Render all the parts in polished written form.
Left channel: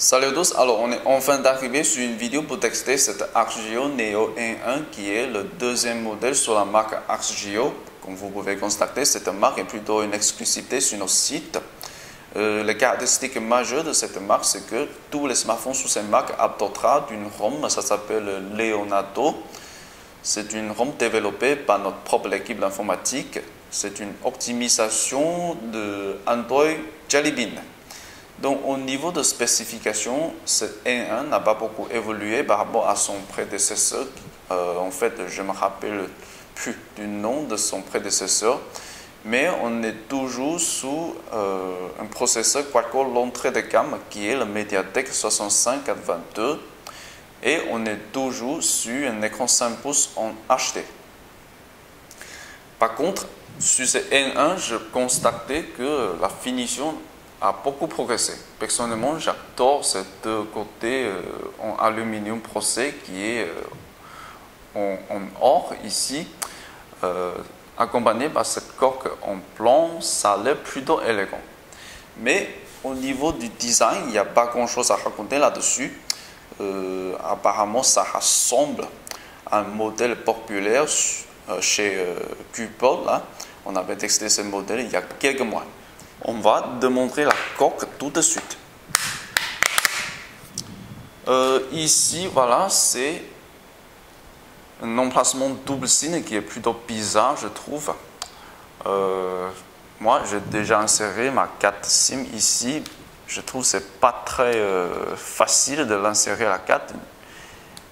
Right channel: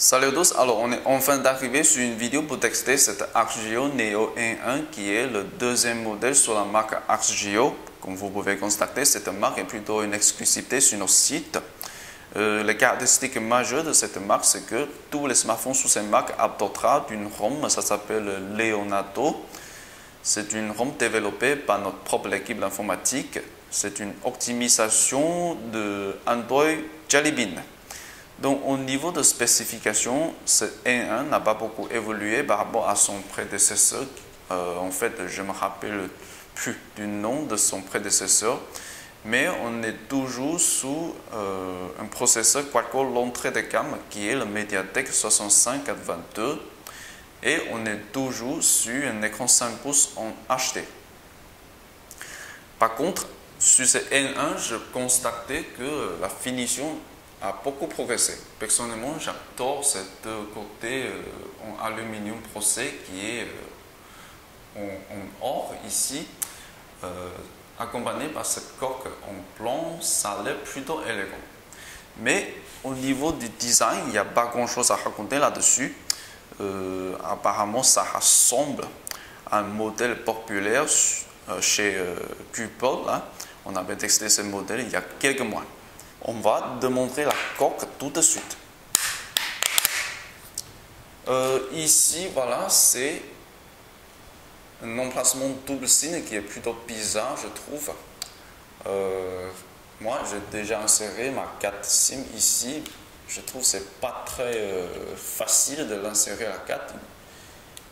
Salut à tous, alors on est enfin d'arriver sur une vidéo pour tester cette ArcGIO Neo N1 qui est le deuxième modèle sur la marque ArcGIO. Comme vous pouvez constater, cette marque est plutôt une exclusivité sur nos sites. Les caractéristiques majeures de cette marque, c'est que tous les smartphones sous cette marque adopteront une ROM, ça s'appelle Leonardo. C'est une ROM développée par notre propre équipe d'informatique. C'est une optimisation de Android Jelly Bean. Donc, au niveau de spécification, ce N1 n'a pas beaucoup évolué par rapport à son prédécesseur. En fait, je ne me rappelle plus du nom de son prédécesseur, mais on est toujours sous un processeur quad-core l'entrée de gamme qui est le MediaTek 6522 et on est toujours sur un écran 5 pouces en HD. Par contre, sur ce N1, je constatais que la finition a beaucoup progressé. Personnellement, j'adore ce côté en aluminium procès qui est en or ici, accompagné par cette coque en plomb, ça a l'air plutôt élégant. Mais au niveau du design, il n'y a pas grand chose à raconter là-dessus. Apparemment, ça ressemble à un modèle populaire chez Cupol. On avait testé ce modèle il y a quelques mois. On va démontrer la coque tout de suite. Ici, voilà, c'est un emplacement double SIM qui est plutôt bizarre, je trouve. Moi, j'ai déjà inséré ma carte SIM ici. Je trouve que ce n'est pas très facile de l'insérer à la carte,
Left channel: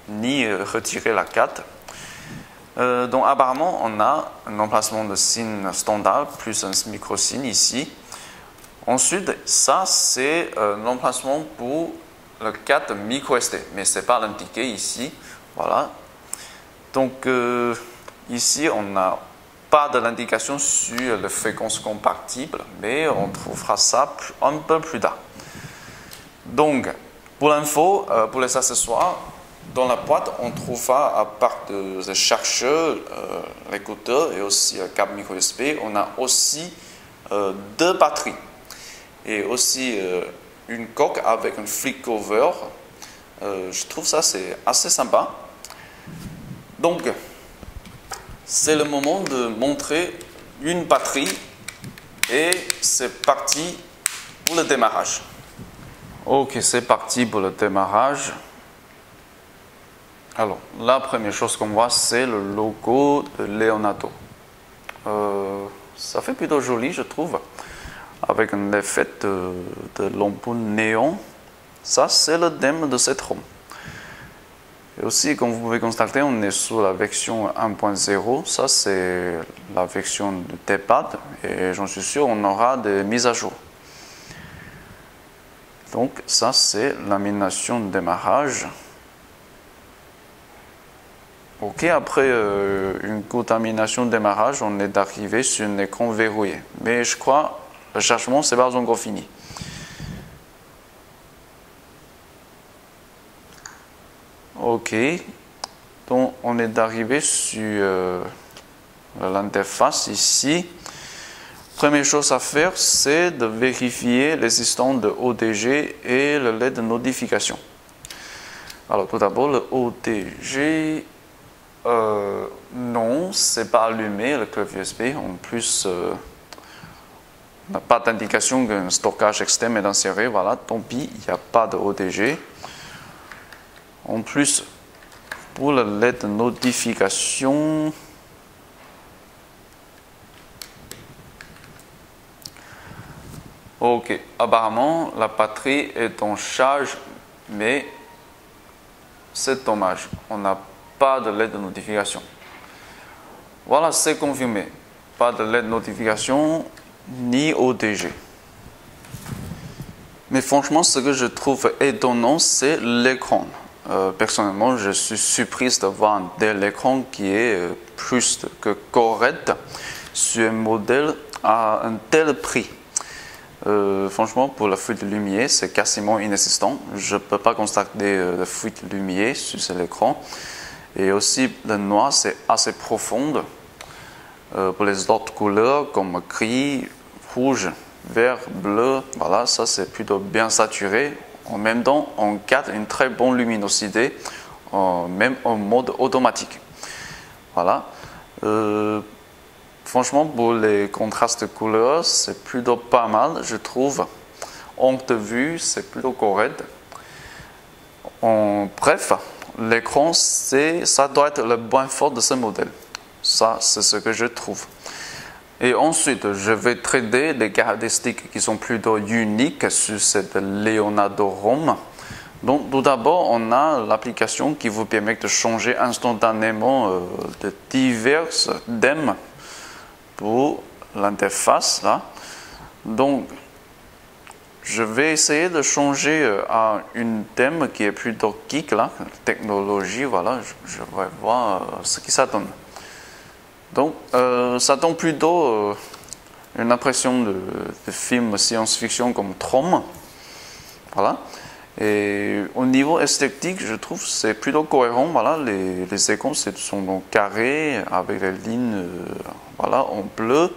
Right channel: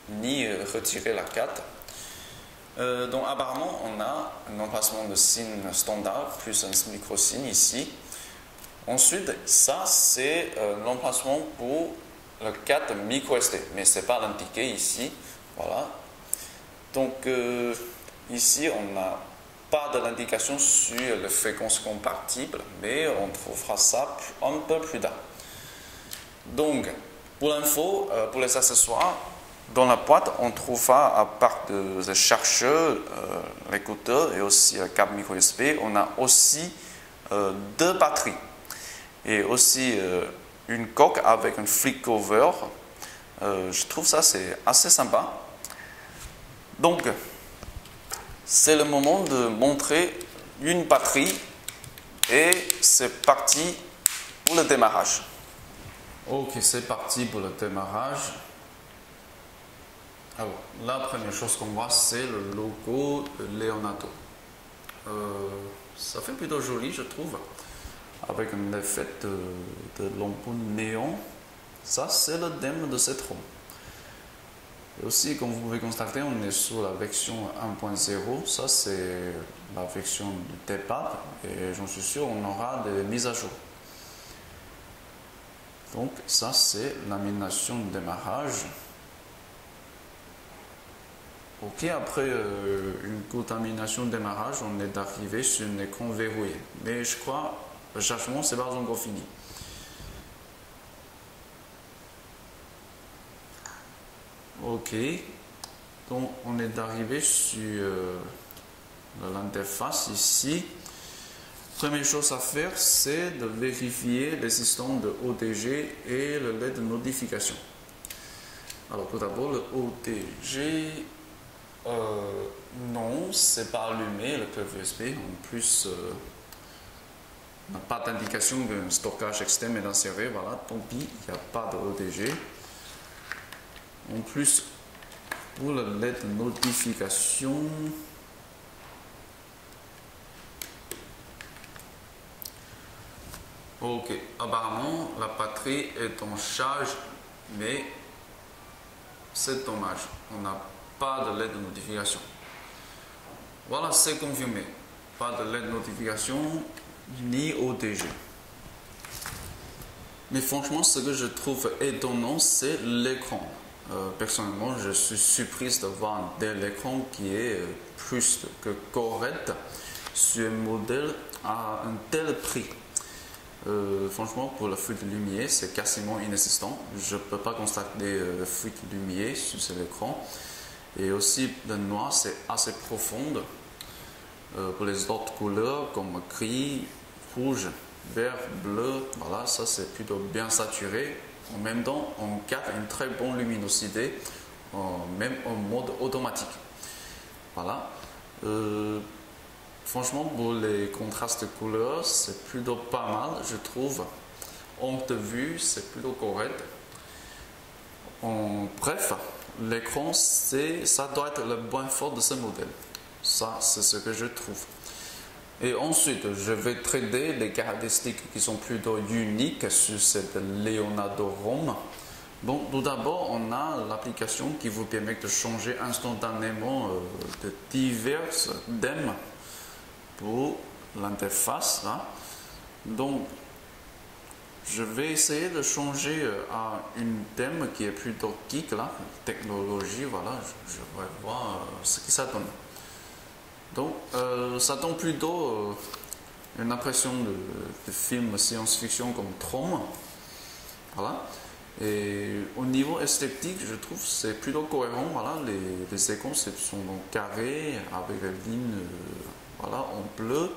ni retirer la carte. Donc, apparemment, on a un emplacement de SIM standard plus un micro SIM ici. Ensuite, ça, c'est l'emplacement pour le 4 microSD, mais ce n'est pas indiqué ici. Voilà. Donc, ici, on n'a pas de l'indication sur les fréquences compatibles, mais on trouvera ça un peu plus tard. Donc, pour l'info, pour les accessoires, dans la boîte, on trouvera, à part de chercheur, l'écouteur et aussi le câble micro-USB, on a aussi deux batteries. Et aussi une coque avec un flip cover. Je trouve ça c'est assez sympa. Donc, c'est le moment de montrer une batterie et c'est parti pour le démarrage. Ok, c'est parti pour le démarrage. Alors, la première chose qu'on voit, c'est le logo de Leonardo. Ça fait plutôt joli, je trouve, avec un effet de l'ampoule néon. Ça, c'est le thème de cette ROM. Et aussi, comme vous pouvez constater, on est sur la version 1.0. Ça, c'est la version de D-pad. Et j'en suis sûr, on aura des mises à jour. Donc, ça, c'est l'animation de démarrage. Ok, après une courte animation de démarrage, on est arrivé sur un écran verrouillé. Mais je crois le chargement, c'est pas encore fini. Ok, donc on est arrivé sur l'interface ici. Première chose à faire, c'est de vérifier l'existence de ODG et le LED de notification. Alors tout d'abord, le ODG, non, c'est pas allumé, le clavier USB. En plus, on n'a pas d'indication qu'un stockage externe est inséré, voilà, tant pis, il n'y a pas de ODG. En plus, pour le LED de notification, ok, apparemment la batterie est en charge, mais c'est dommage, on n'a pas de LED de notification. Voilà, c'est confirmé, pas de LED de notification ni ODG. Mais franchement, ce que je trouve étonnant, c'est l'écran. Personnellement, je suis surprise de voir un tel écran qui est plus que correct sur un modèle à un tel prix. Franchement, pour la fuite de lumière, c'est quasiment inexistant. Je ne peux pas constater de fuite de lumière sur cet écran. Et aussi, le noir, c'est assez profond. Pour les autres couleurs, comme gris, rouge, vert, bleu, voilà, ça c'est plutôt bien saturé. En même temps, on garde une très bonne luminosité, même en mode automatique. Voilà. Franchement, pour les contrastes de couleurs, c'est plutôt pas mal, je trouve. Angle de vue, c'est plutôt correct. Bref, l'écran, ça doit être le point fort de ce modèle. Ça, c'est ce que je trouve. Et ensuite, je vais traiter les caractéristiques qui sont plutôt uniques sur cette Leonardo ROM. Donc, tout d'abord, on a l'application qui vous permet de changer instantanément de divers thèmes pour l'interface. Donc, je vais essayer de changer à une thème qui est plutôt geek, là, technologie, voilà, je vais voir ce que ça donne. Donc, ça donne plutôt une impression de film science-fiction comme Tron, voilà. Et au niveau esthétique, je trouve que c'est plutôt cohérent, voilà, les écrans sont donc carrés avec les lignes, voilà, en bleu.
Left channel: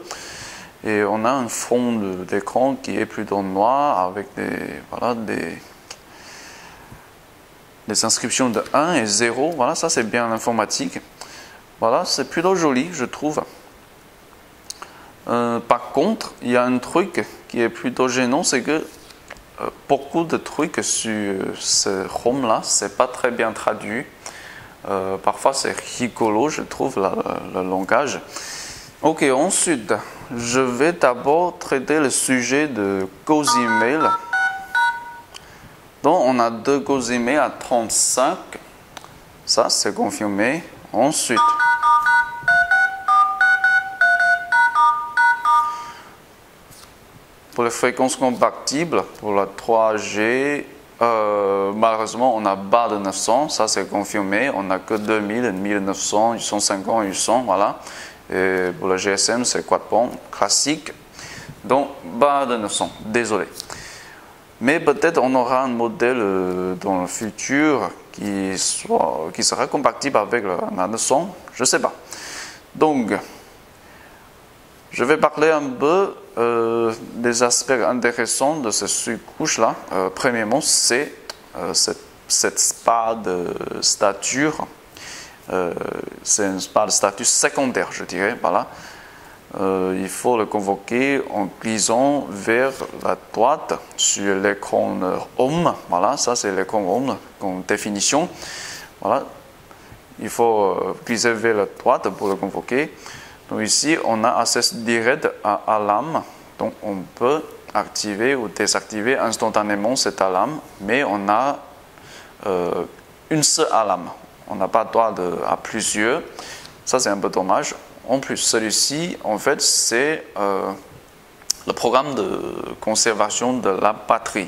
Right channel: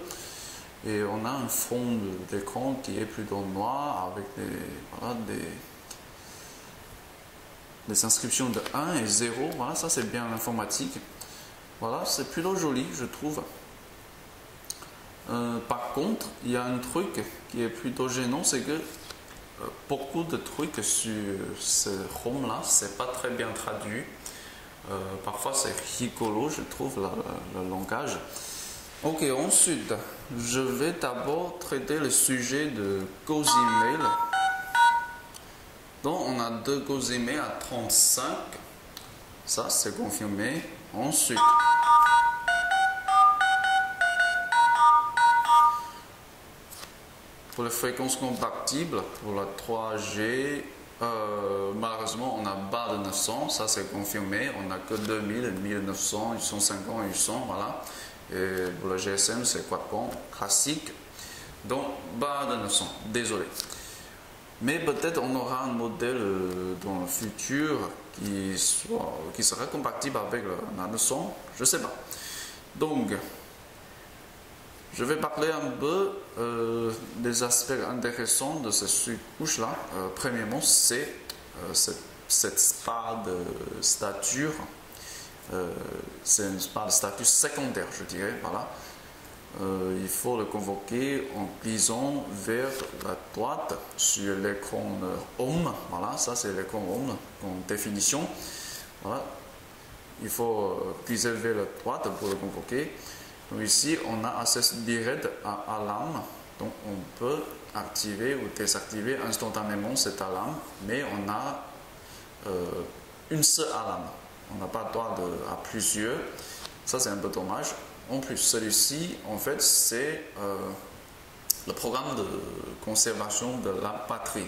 Et on a un fond d'écran qui est plutôt noir avec des inscriptions de 1 et 0. Voilà, ça c'est bien l'informatique. Voilà, c'est plutôt joli, je trouve. Par contre, il y a un truc qui est plutôt gênant, c'est que beaucoup de trucs sur ce ROM-là, c'est pas très bien traduit. Parfois c'est rigolo, je trouve, le langage. Ok, ensuite, je vais d'abord traiter le sujet de GoZemail. Donc, on a deux GoZemail à 35. Ça, c'est confirmé. Ensuite, pour les fréquences compatibles, pour la 3G, malheureusement, on a bas de 900. Ça, c'est confirmé. On n'a que 2000, 1900, 850, 800, voilà. Et pour le GSM, c'est quad-band classique. Donc, bas de 900, désolé. Mais peut-être on aura un modèle dans le futur qui sera compatible avec la 900, je ne sais pas. Donc, je vais parler un peu des aspects intéressants de cette surcouche-là. Premièrement, c'est cette spa de stature. C'est une spa de statut secondaire, je dirais. Voilà. Il faut le convoquer en glissant vers la droite sur l'écran Home. Voilà, ça c'est l'écran Home en définition. Voilà. Il faut glisser vers la droite pour le convoquer. Donc ici, on a accès direct à alarme. Donc on peut activer ou désactiver instantanément cette alarme, mais on a une seule alarme. On n'a pas droit à plusieurs. Ça, c'est un peu dommage. En plus, celui-ci, en fait, c'est le programme de conservation de la batterie.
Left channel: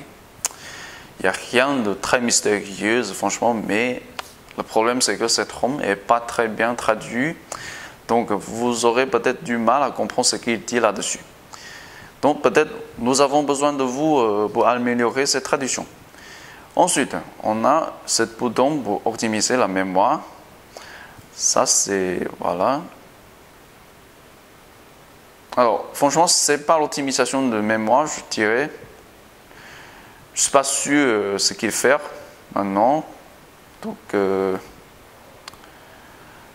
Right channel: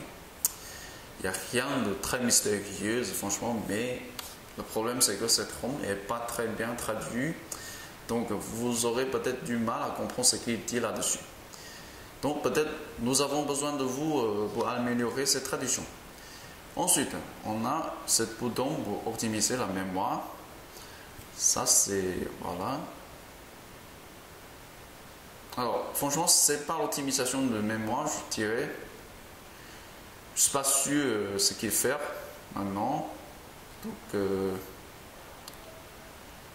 Il n'y a rien de très mystérieux, franchement, mais le problème, c'est que cette ROM n'est pas très bien traduite. Donc, vous aurez peut-être du mal à comprendre ce qu'il dit là-dessus. Donc, peut-être, nous avons besoin de vous pour améliorer cette traduction. Ensuite, on a ce bouton pour optimiser la mémoire. Ça, c'est... Voilà. Alors, franchement, ce n'est pas l'optimisation de mémoire, je dirais. Je ne suis pas sûr ce qu'il fait maintenant. Donc,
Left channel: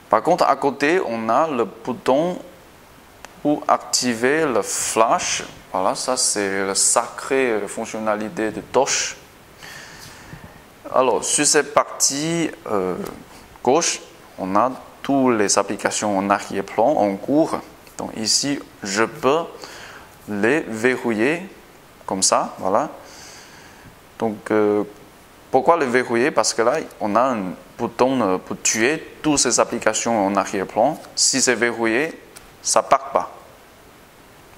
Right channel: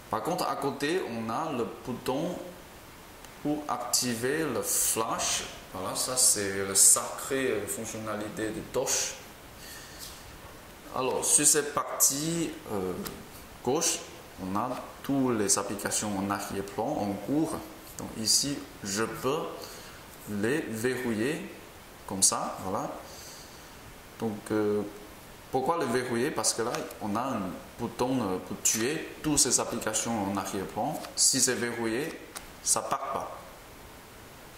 par contre, à côté, on a le bouton pour activer le flash. Voilà, ça, c'est la sacrée fonctionnalité de Torch. Alors, sur cette partie gauche, on a toutes les applications en arrière-plan, en cours. Donc ici, je peux les verrouiller comme ça, voilà. Donc, pourquoi les verrouiller? Parce que là, on a un bouton pour tuer toutes ces applications en arrière-plan. Si c'est verrouillé, ça ne part pas.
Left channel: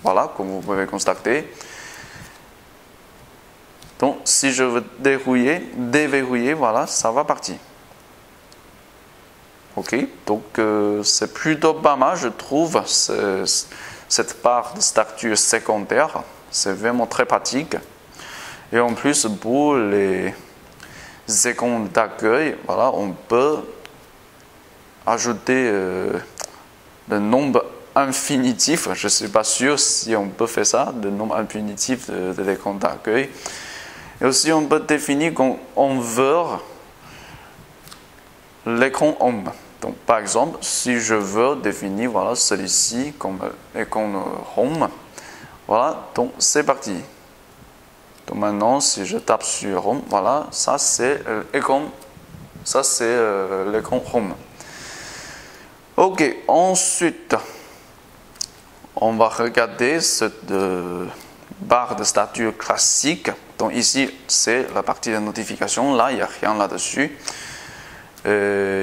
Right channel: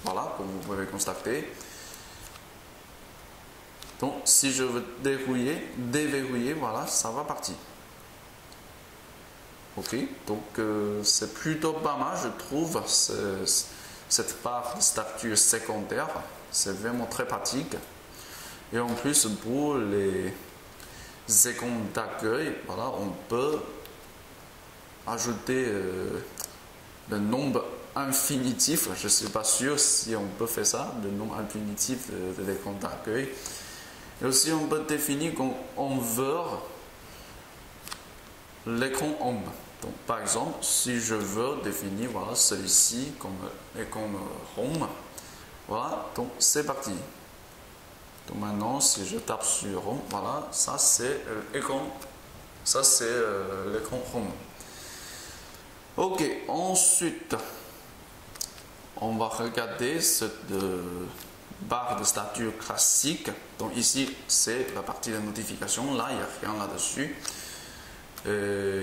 Voilà, comme vous pouvez constater. Donc, si je veux déverrouiller, voilà, ça va partir. Ok, donc c'est plutôt pas mal, je trouve, cette part de statut secondaire. C'est vraiment très pratique. Et en plus, pour les écrans d'accueil, voilà, on peut ajouter le nombre infinitif. Je ne suis pas sûr si on peut faire ça, le nombre infinitif de l'écran d'accueil. Et aussi, on peut définir qu'on veut l'écran Home. Donc, par exemple, si je veux définir voilà, celui-ci comme écran Home, voilà, donc c'est parti. Donc maintenant, si je tape sur Home, voilà, ça c'est l'écran Home. Ok, ensuite, on va regarder cette barre de statut classique. Donc ici, c'est la partie de notification. Là, il n'y a rien là-dessus.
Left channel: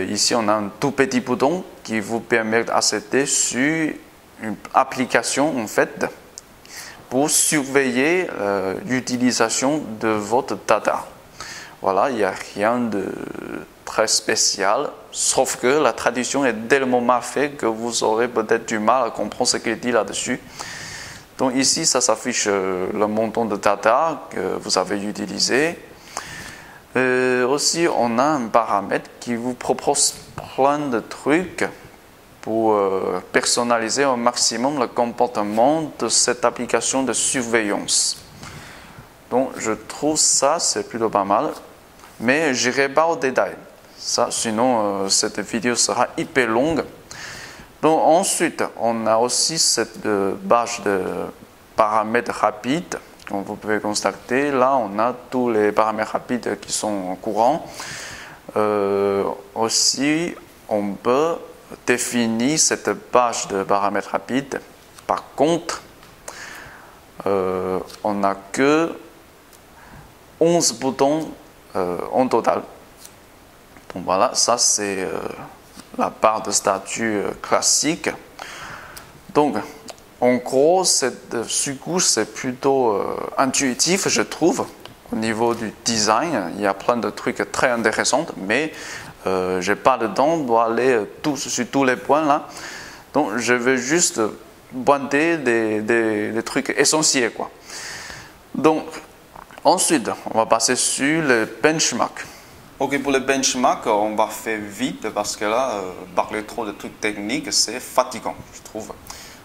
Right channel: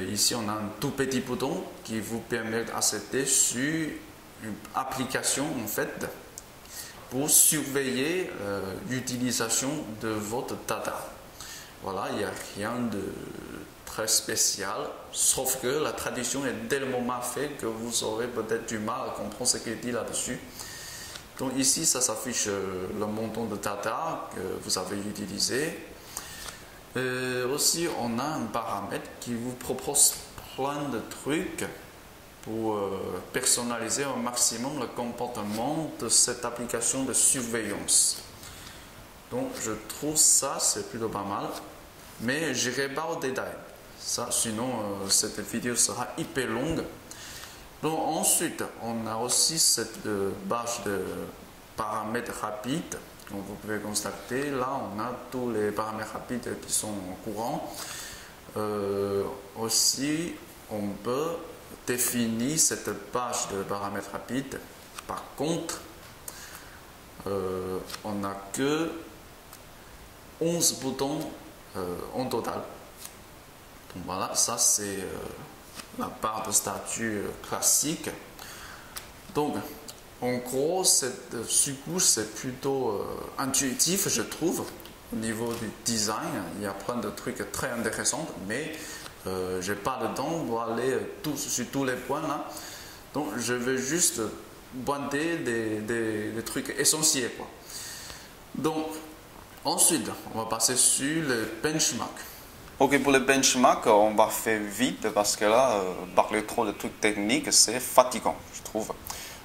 Ici, on a un tout petit bouton qui vous permet d'accéder sur une application, en fait, pour surveiller l'utilisation de votre data. Voilà, il n'y a rien de très spécial, sauf que la traduction est tellement mal faite que vous aurez peut-être du mal à comprendre ce qu'il dit là-dessus. Donc ici, ça s'affiche le montant de data que vous avez utilisé. Aussi, on a un paramètre qui vous propose plein de trucs pour personnaliser au maximum le comportement de cette application de surveillance. Donc, je trouve ça, c'est plutôt pas mal, mais je n'irai pas au détail. Ça, sinon, cette vidéo sera hyper longue. Donc, ensuite, on a aussi cette page de paramètres rapides. Comme vous pouvez constater, là, on a tous les paramètres rapides qui sont courants. Aussi, on peut définir cette page de paramètres rapides. Par contre, on n'a que 11 boutons en total. Donc voilà, ça c'est la barre de statut classique. Donc, en gros, cette sous-couche, c'est plutôt intuitif, je trouve. Au niveau du design, il y a plein de trucs très intéressants, mais je n'ai pas le temps pour aller sur tous les points là. Donc, je vais juste pointer des trucs essentiels, quoi. Donc, ensuite, on va passer sur le benchmark. Ok, pour le benchmark, on va faire vite parce que là, parler trop de trucs techniques, c'est fatigant, je trouve.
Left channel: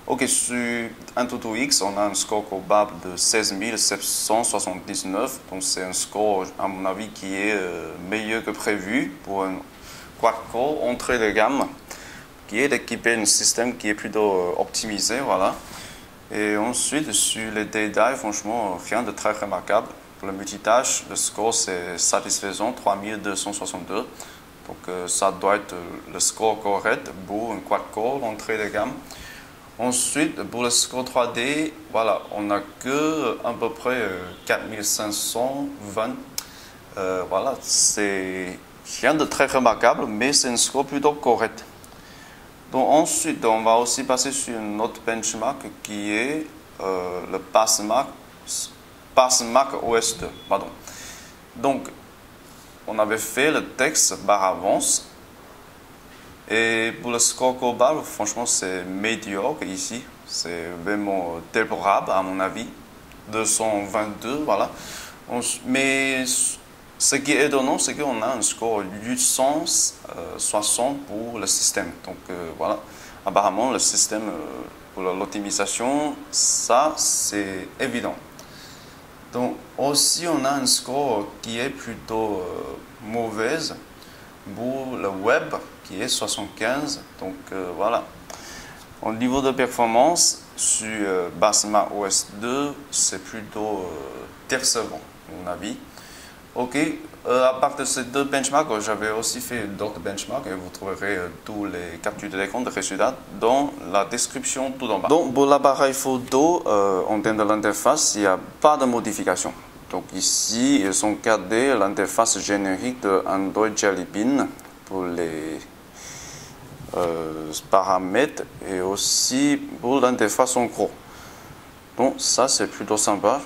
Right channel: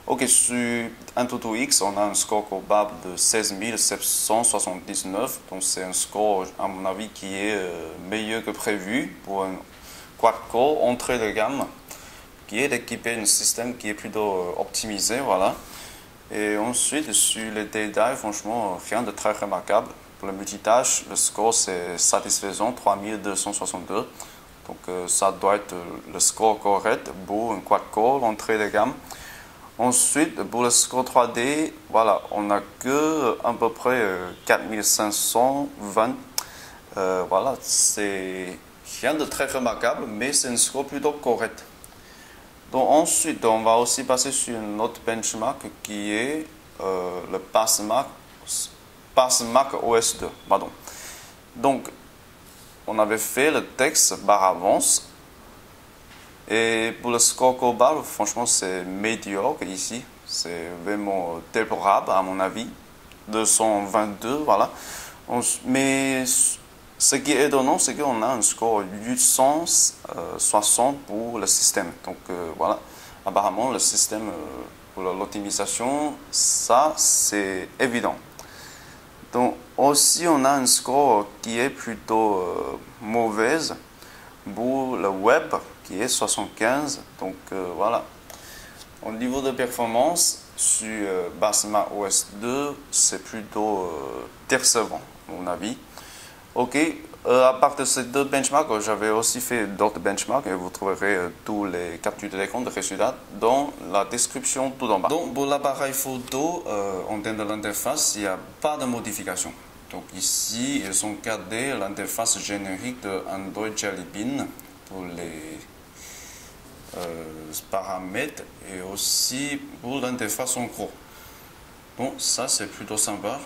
Ok, sur AnTuTu-X, on a un score global de 16 779. Donc, c'est un score, à mon avis, qui est meilleur que prévu pour un quad-core entrée de gamme qui est équipé d'un système qui est plutôt optimisé, voilà. Et ensuite, sur les détails, franchement, rien de très remarquable. Pour le multitâche, le score c'est satisfaisant, 3262. Donc ça doit être le score correct pour un quad-core, l'entrée de gamme. Ensuite, pour le score 3D, voilà, on n'a que à peu près 4520. Voilà, c'est rien de très remarquable, mais c'est un score plutôt correct. Donc ensuite, on va aussi passer sur un autre benchmark qui est le PassMark OS 2. Pardon. Donc, on avait fait le texte par avance. Et pour le score global, franchement, c'est médiocre ici. C'est vraiment déplorable, à mon avis. 222, voilà. Mais ce qui est étonnant, c'est qu'on a un score 860 pour le système. Donc voilà, apparemment, le système pour l'optimisation, ça, c'est évident. Donc aussi, on a un score qui est plutôt mauvaise pour le web, qui est 75. Donc voilà. Au niveau de performance, sur PassMark OS 2, c'est plutôt décevant, à mon avis. Ok, à part de ces deux benchmarks, j'avais aussi fait d'autres benchmarks et vous trouverez tous les captures d'écran de résultats dans la description tout en bas. Donc pour l'appareil photo, en termes de l'interface, il n'y a pas de modification. Donc ici, ils ont gardé l'interface générique de Android Jelly Bean pour les paramètres et aussi pour l'interface en gros. Donc ça, c'est plutôt sympa.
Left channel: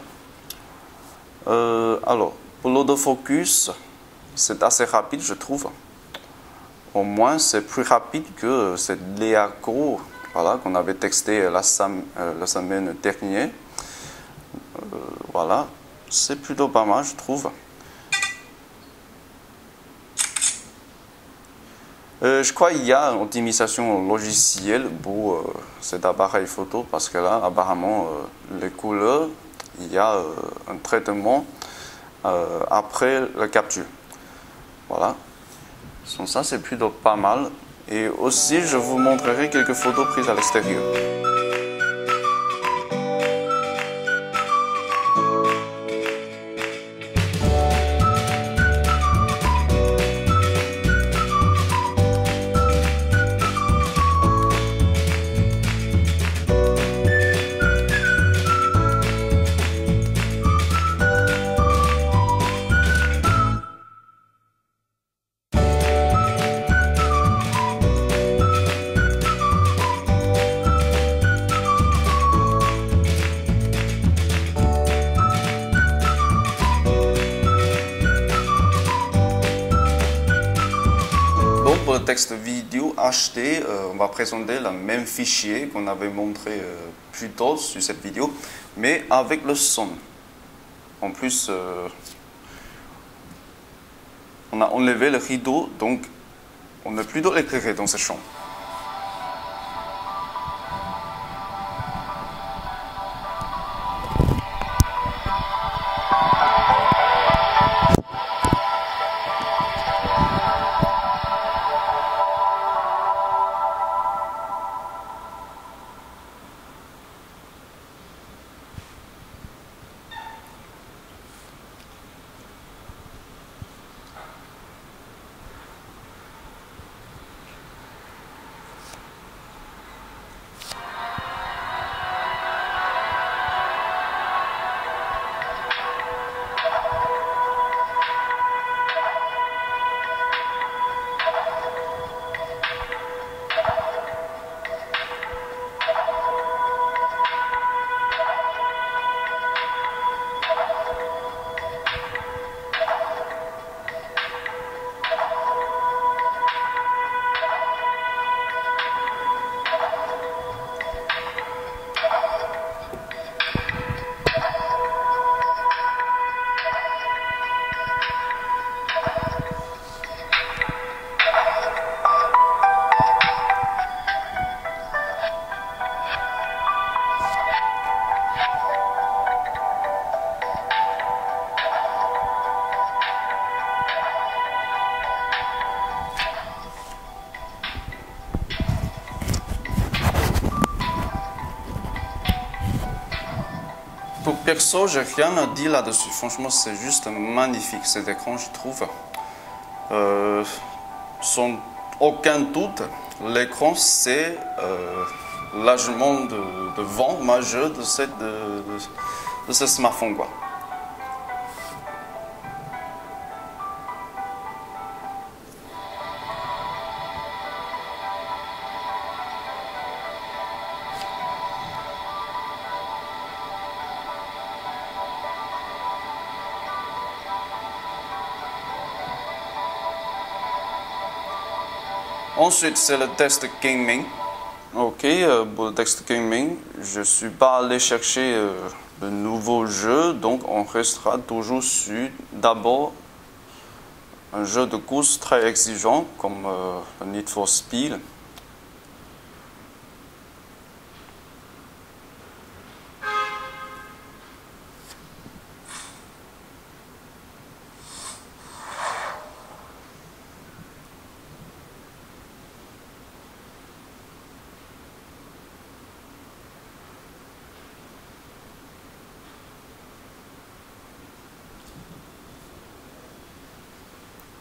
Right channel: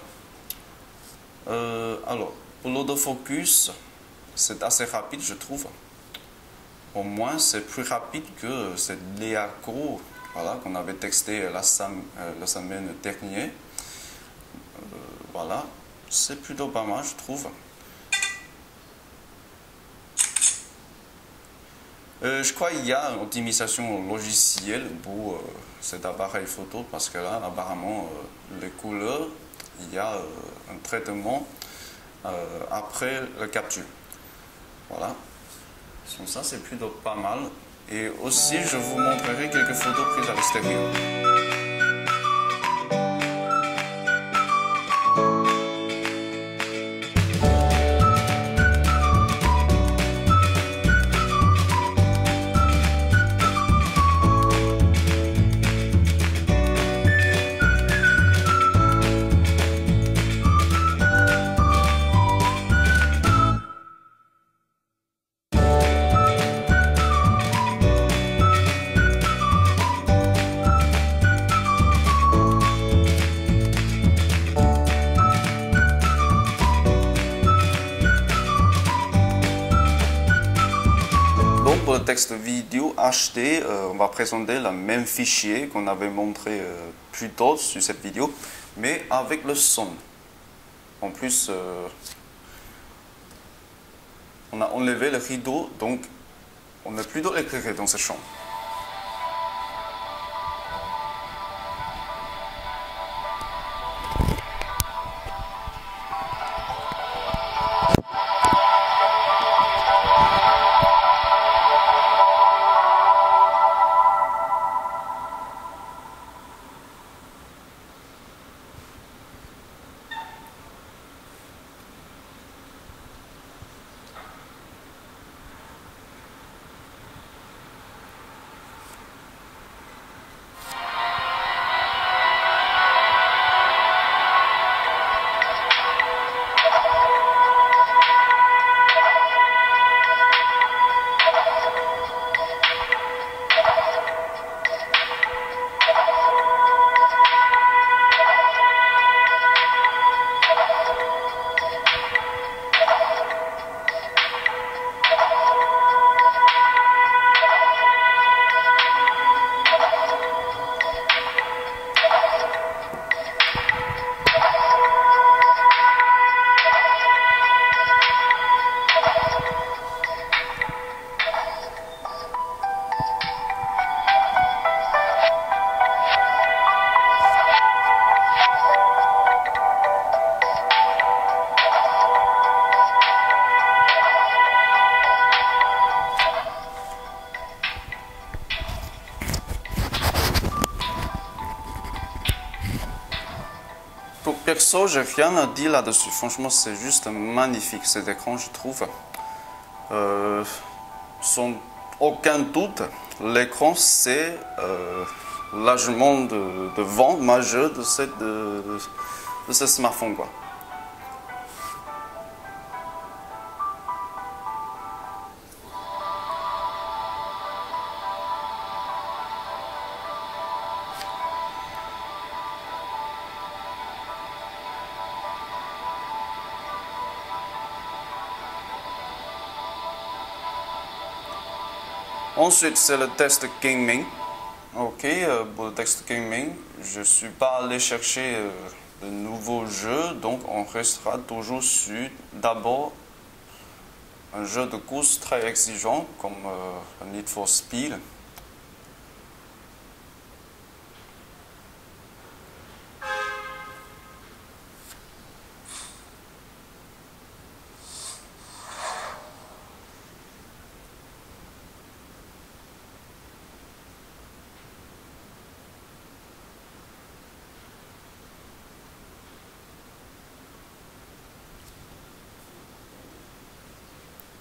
Alors, pour l'autofocus, c'est assez rapide, je trouve. Au moins, c'est plus rapide que cette Leaco, voilà, qu'on avait testé la semaine dernière. Voilà, c'est plutôt pas mal, je trouve. Je crois qu'il y a une optimisation logicielle pour cet appareil photo parce que là, apparemment, les couleurs, il y a un traitement après la capture. Voilà. Donc ça, c'est plutôt pas mal. Et aussi, je vous montrerai quelques photos prises à l'extérieur. Pour le texte vidéo HD, on va présenter le même fichier qu'on avait montré plus tôt sur cette vidéo, mais avec le son. En plus, on a enlevé le rideau, donc on est plutôt éclairé dans cette chambre. Pour perso, j'ai rien à dire là-dessus. Franchement, c'est juste magnifique cet écran, je trouve. Sans aucun doute, l'écran, c'est largement de vent majeur de ce smartphone, quoi. Ensuite, c'est le test gaming. Ok, pour le test gaming, je ne suis pas allé chercher de nouveaux jeux, donc on restera toujours sur d'abord un jeu de course très exigeant comme Need for Speed.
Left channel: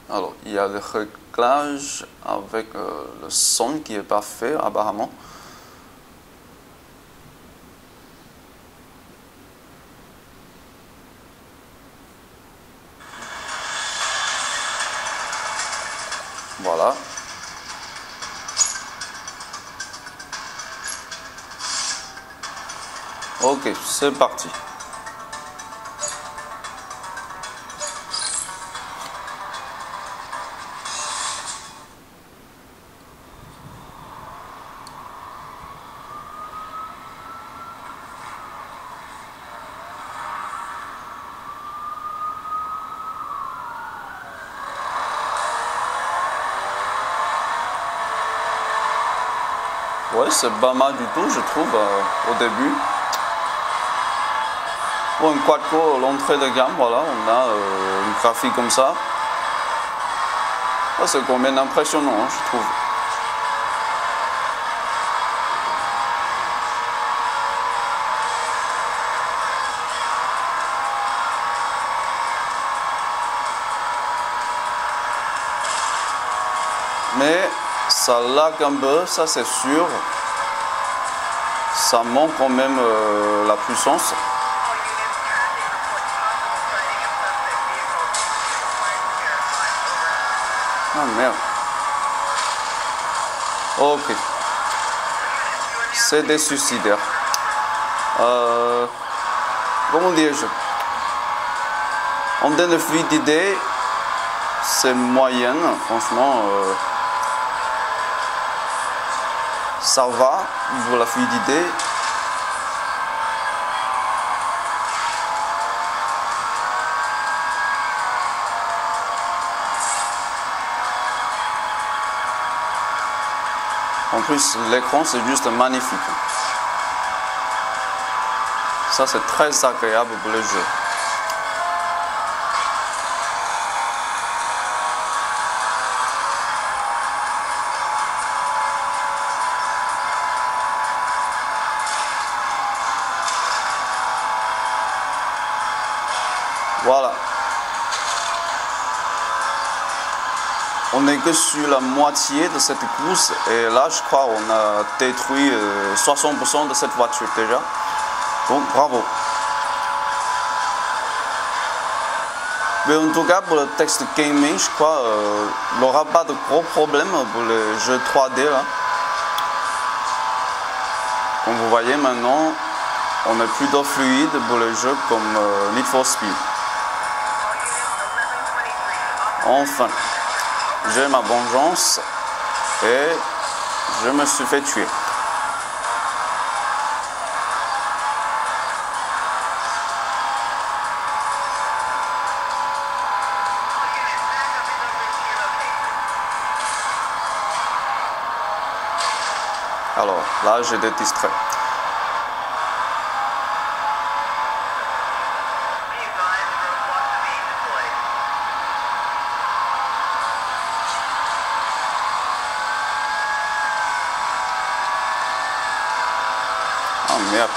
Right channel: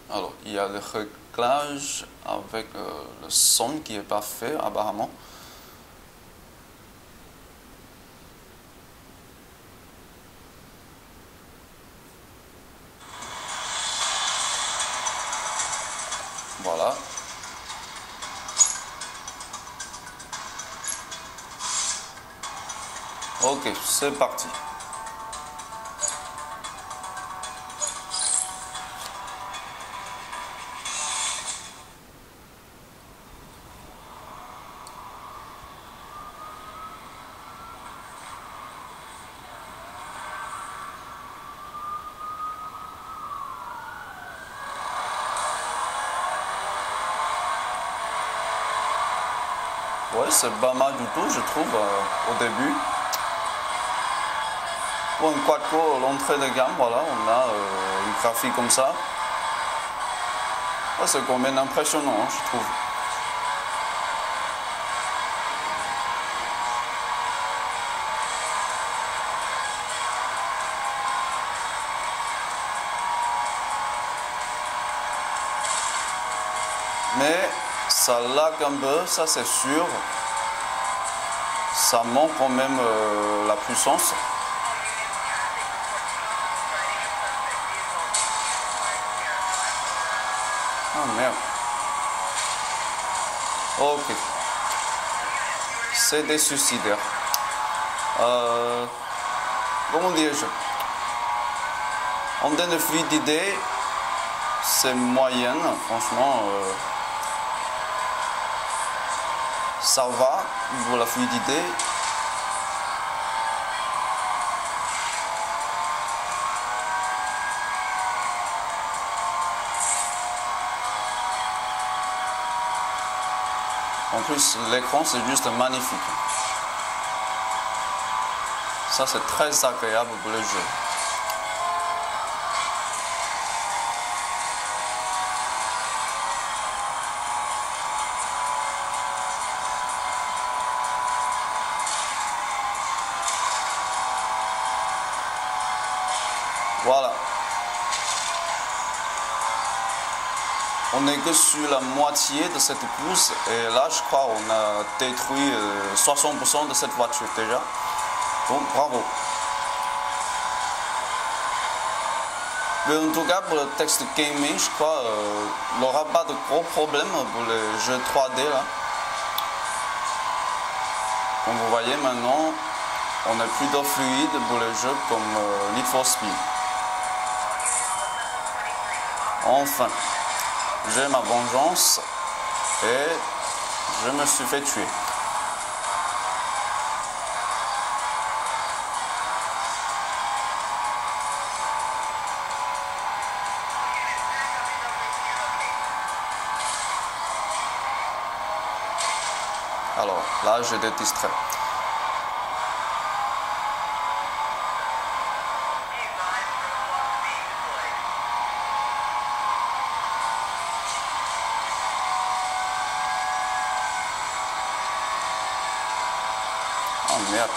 Alors, il y a le réglage avec le son qui n'est pas fait apparemment. Voilà. Ok, c'est parti. Ouais, c'est pas mal du tout, je trouve, au début. Pour un quad-core, l'entrée de gamme, voilà, on a une graphique comme ça. C'est quand même impressionnant, hein, je trouve. Mais ça lag un peu, ça c'est sûr. Ça manque quand même la puissance. Ah merde. Ok. C'est des suicidaires. Comment dire-je? En termes de fluidité, c'est moyenne, franchement. Ça va pour la fluidité. En plus, l'écran c'est juste magnifique. Ça c'est très agréable pour le jeu. Voilà. On n'est que sur la moitié de cette course et là je crois on a détruit 60% de cette voiture déjà. Donc bravo. Mais en tout cas pour le texte gaming je crois il n'aura pas de gros problèmes pour le jeu 3D là. Comme vous voyez maintenant on est plutôt fluide pour le jeu comme Need for Speed. Enfin. J'ai ma vengeance et je me suis fait tuer. Alors là, j'ai été distrait. Oh merde.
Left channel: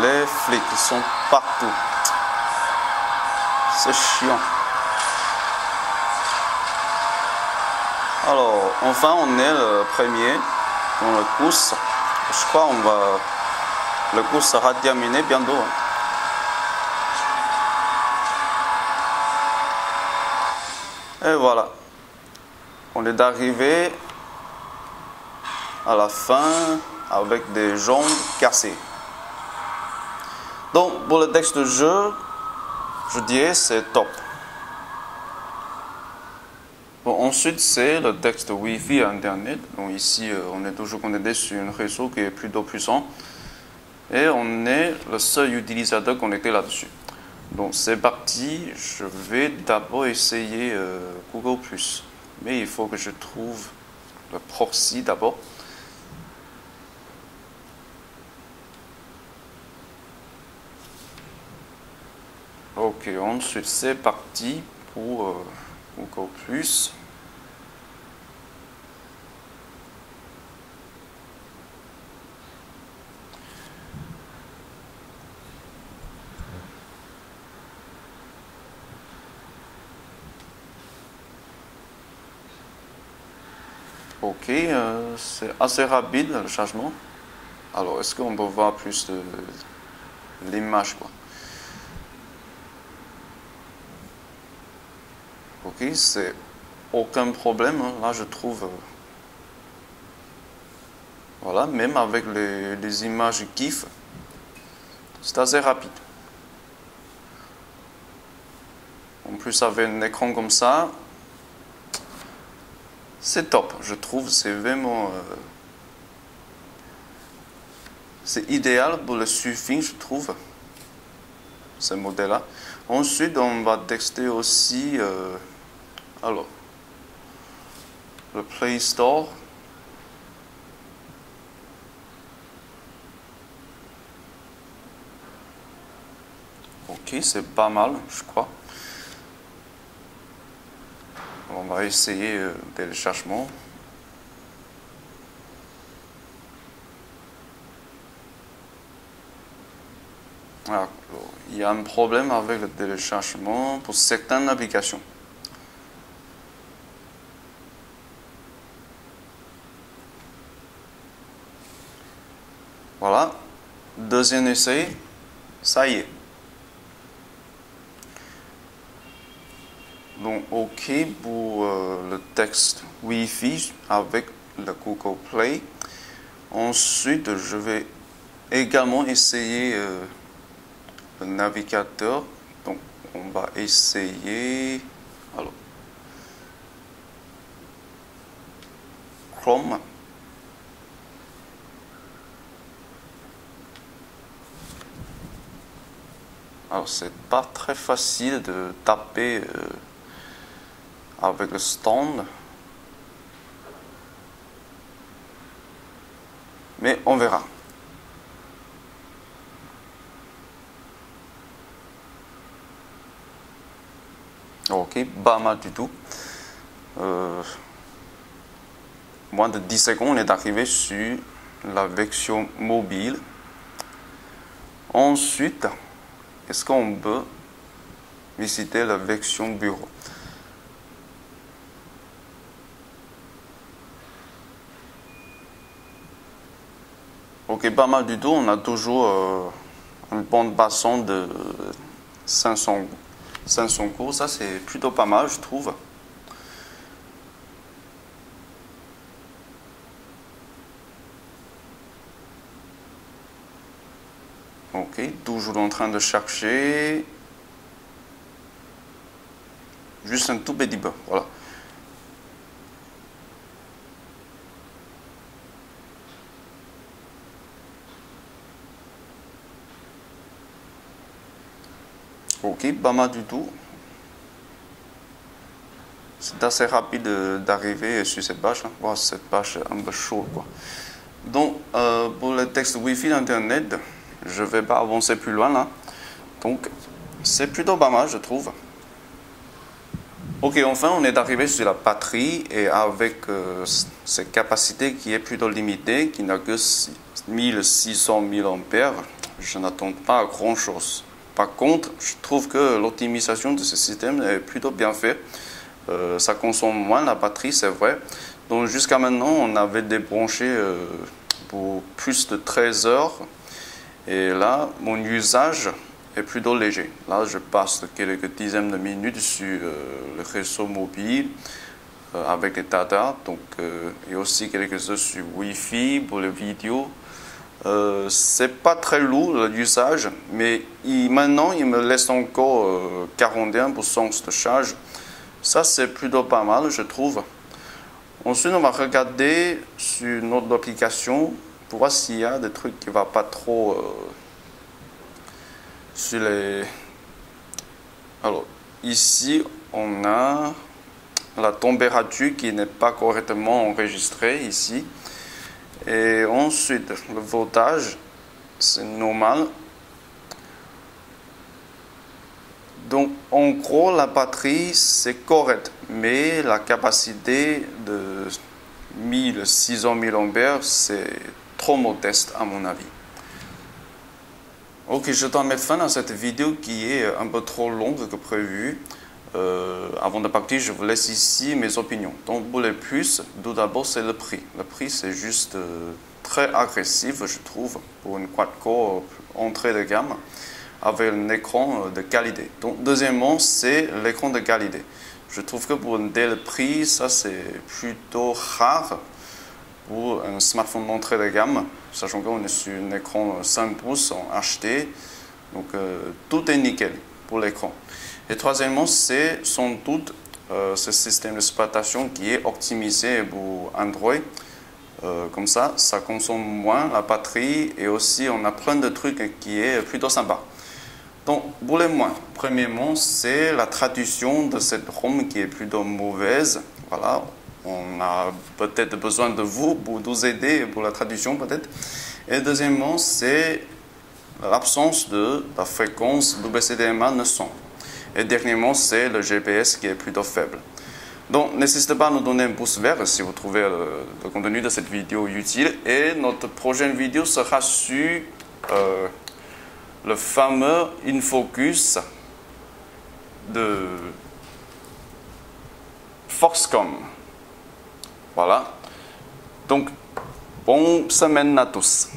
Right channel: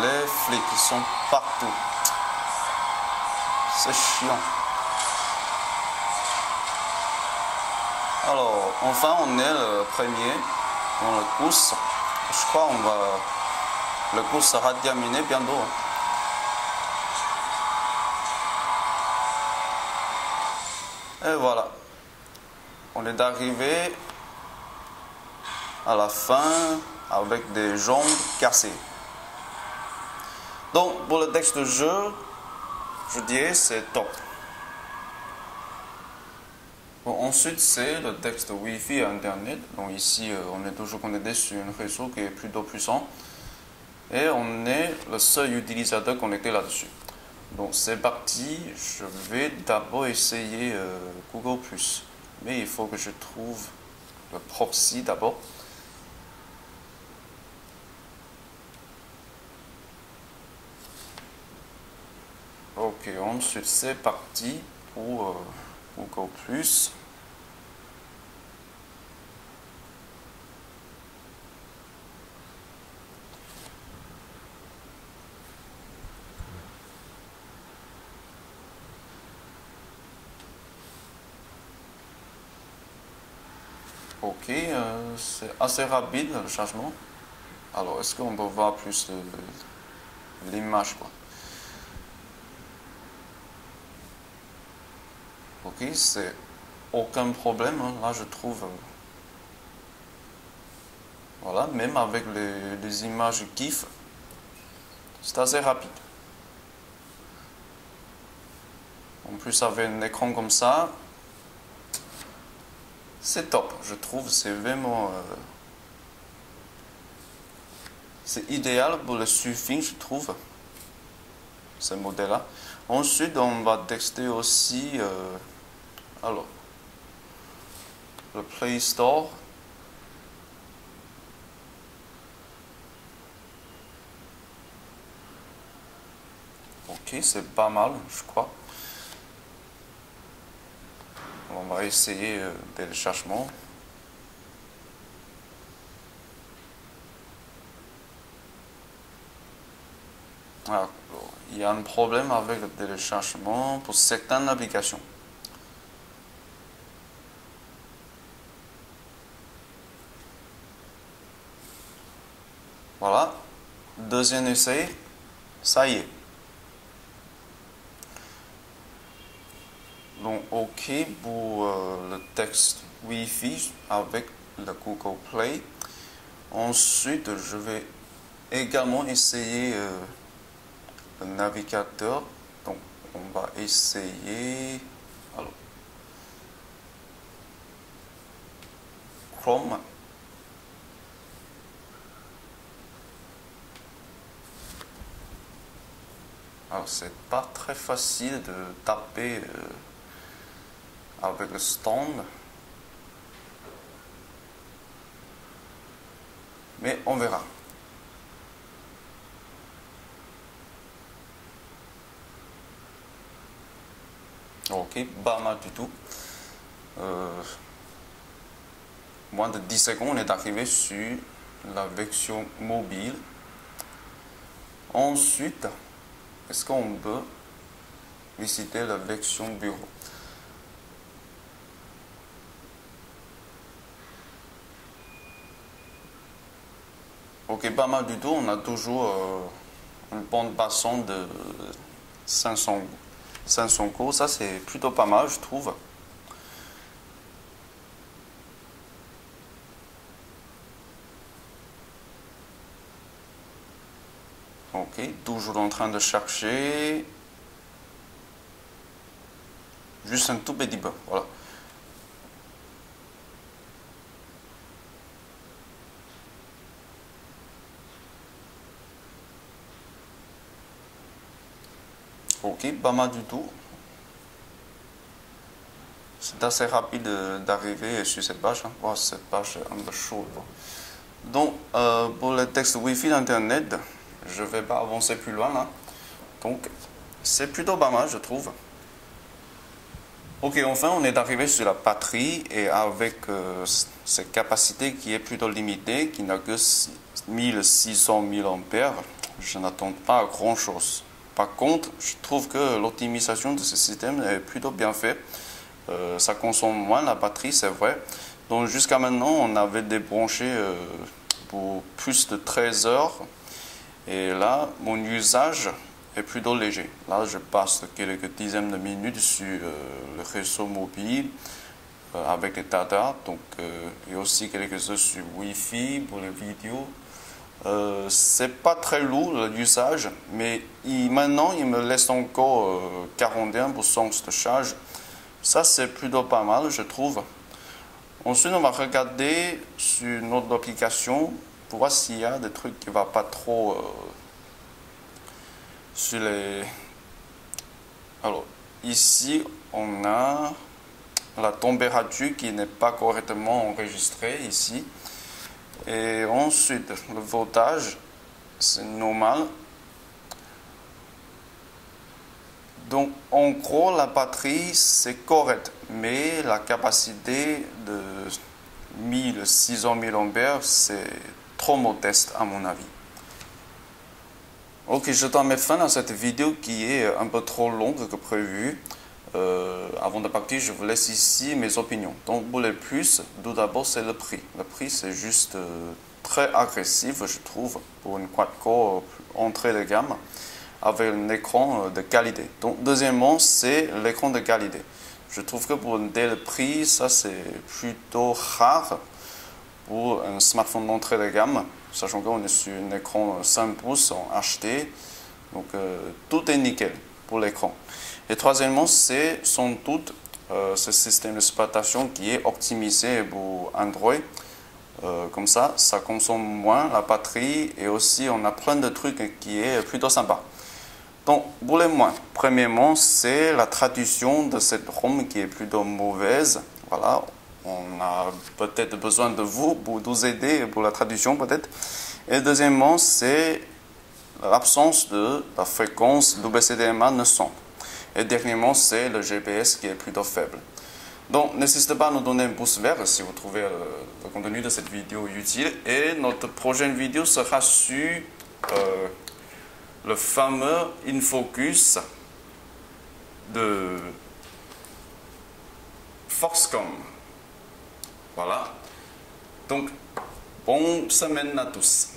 Les flics sont partout. C'est chiant. Alors, enfin, on est le premier dans la course. Je crois le course sera terminé bientôt. Et voilà. On est arrivé à la fin avec des jambes cassées. Donc, pour le texte de jeu, je dirais c'est top. Bon, ensuite, c'est le texte Wi-Fi et Internet. Donc ici, on est toujours connecté sur un réseau qui est plutôt puissant. Et on est le seul utilisateur connecté là-dessus. Donc c'est parti, je vais d'abord essayer Google+. Mais il faut que je trouve le proxy d'abord. Ok, ensuite c'est parti pour Google+. Ok, c'est assez rapide le chargement. Alors, est-ce qu'on peut voir plus de l'image, quoi? Ok, c'est aucun problème. Hein. Là, je trouve Voilà, même avec les images GIF, c'est assez rapide. En plus, avec un écran comme ça, c'est top, je trouve. C'est vraiment... c'est idéal pour le surfing, je trouve, ce modèle-là. Ensuite, on va tester aussi... alors, le Play Store. Ok, c'est pas mal, je crois. On va essayer le téléchargement. Alors, il y a un problème avec le téléchargement pour certaines applications. Voilà, deuxième essai, ça y est. Donc, OK pour le texte Wi-Fi avec le Google Play. Ensuite, je vais également essayer le navigateur. Donc, on va essayer alors, Chrome. Alors, c'est pas très facile de taper avec le stand. Mais on verra. Ok, pas mal du tout. Moins de 10 secondes, on est arrivé sur la version mobile. Ensuite, est-ce qu'on peut visiter la version bureau? Ok, pas mal du tout. On a toujours une bande passante de 500 coups. Ça, c'est plutôt pas mal, je trouve. Ok, toujours en train de chercher. Juste un tout petit peu, voilà. Ok, pas mal du tout. C'est assez rapide d'arriver sur cette page. Hein. Wow, cette page est un peu chaude, quoi. Donc, pour le texte Wi-Fi d'Internet, je ne vais pas avancer plus loin là. Donc, c'est plutôt pas mal, je trouve. Ok, enfin, on est arrivé sur la batterie et avec cette capacité qui est plutôt limitée, qui n'a que 1600 mAh, je n'attends pas grand-chose. Par contre, je trouve que l'optimisation de ce système est plutôt bien faite. Ça consomme moins la batterie, c'est vrai. Donc jusqu'à maintenant, on avait débranché pour plus de 13 heures. Et là, mon usage est plutôt léger. Là, je passe quelques dizaines de minutes sur le réseau mobile avec les data. Donc, et aussi quelques heures sur Wi-Fi pour les vidéos. C'est pas très lourd l'usage, mais maintenant, il me laisse encore 41% de charge. Ça, c'est plutôt pas mal, je trouve. Ensuite, on va regarder sur notre application pour voir s'il y a des trucs qui ne vont pas trop sur les... Alors, ici, on a la température qui n'est pas correctement enregistrée ici. Et ensuite, le voltage, c'est normal. Donc, en gros, la batterie, c'est correct, mais la capacité de 1600 mAh, c'est trop modeste à mon avis. Ok, je dois mettre fin à cette vidéo qui est un peu trop longue que prévu. Avant de partir, je vous laisse ici mes opinions. Donc, pour les plus, tout d'abord, c'est le prix. Le prix, c'est juste très agressif, je trouve, pour une quad-core entrée de gamme, avec un écran de qualité. Donc, deuxièmement, c'est l'écran de qualité. Je trouve que pour un tel prix, ça c'est plutôt rare. pour un smartphone d'entrée de gamme, sachant qu'on est sur un écran 5 pouces en HD, donc tout est nickel pour l'écran. Et troisièmement, c'est sans doute ce système d'exploitation qui est optimisé pour Android. Comme ça consomme moins la batterie et aussi on a plein de trucs qui est plutôt sympa. Donc, pour les moins, premièrement, c'est la traduction de cette ROM qui est plutôt mauvaise. Voilà, on a peut-être besoin de vous pour nous aider pour la traduction peut-être. Et deuxièmement, c'est l'absence de la fréquence WCDMA 900. Et dernièrement, c'est le GPS qui est plutôt faible. Donc, n'hésitez pas à nous donner un pouce vert si vous trouvez le contenu de cette vidéo utile. Et notre prochaine vidéo sera sur le fameux InFocus de Foxconn. Voilà. Donc, bonne semaine à tous.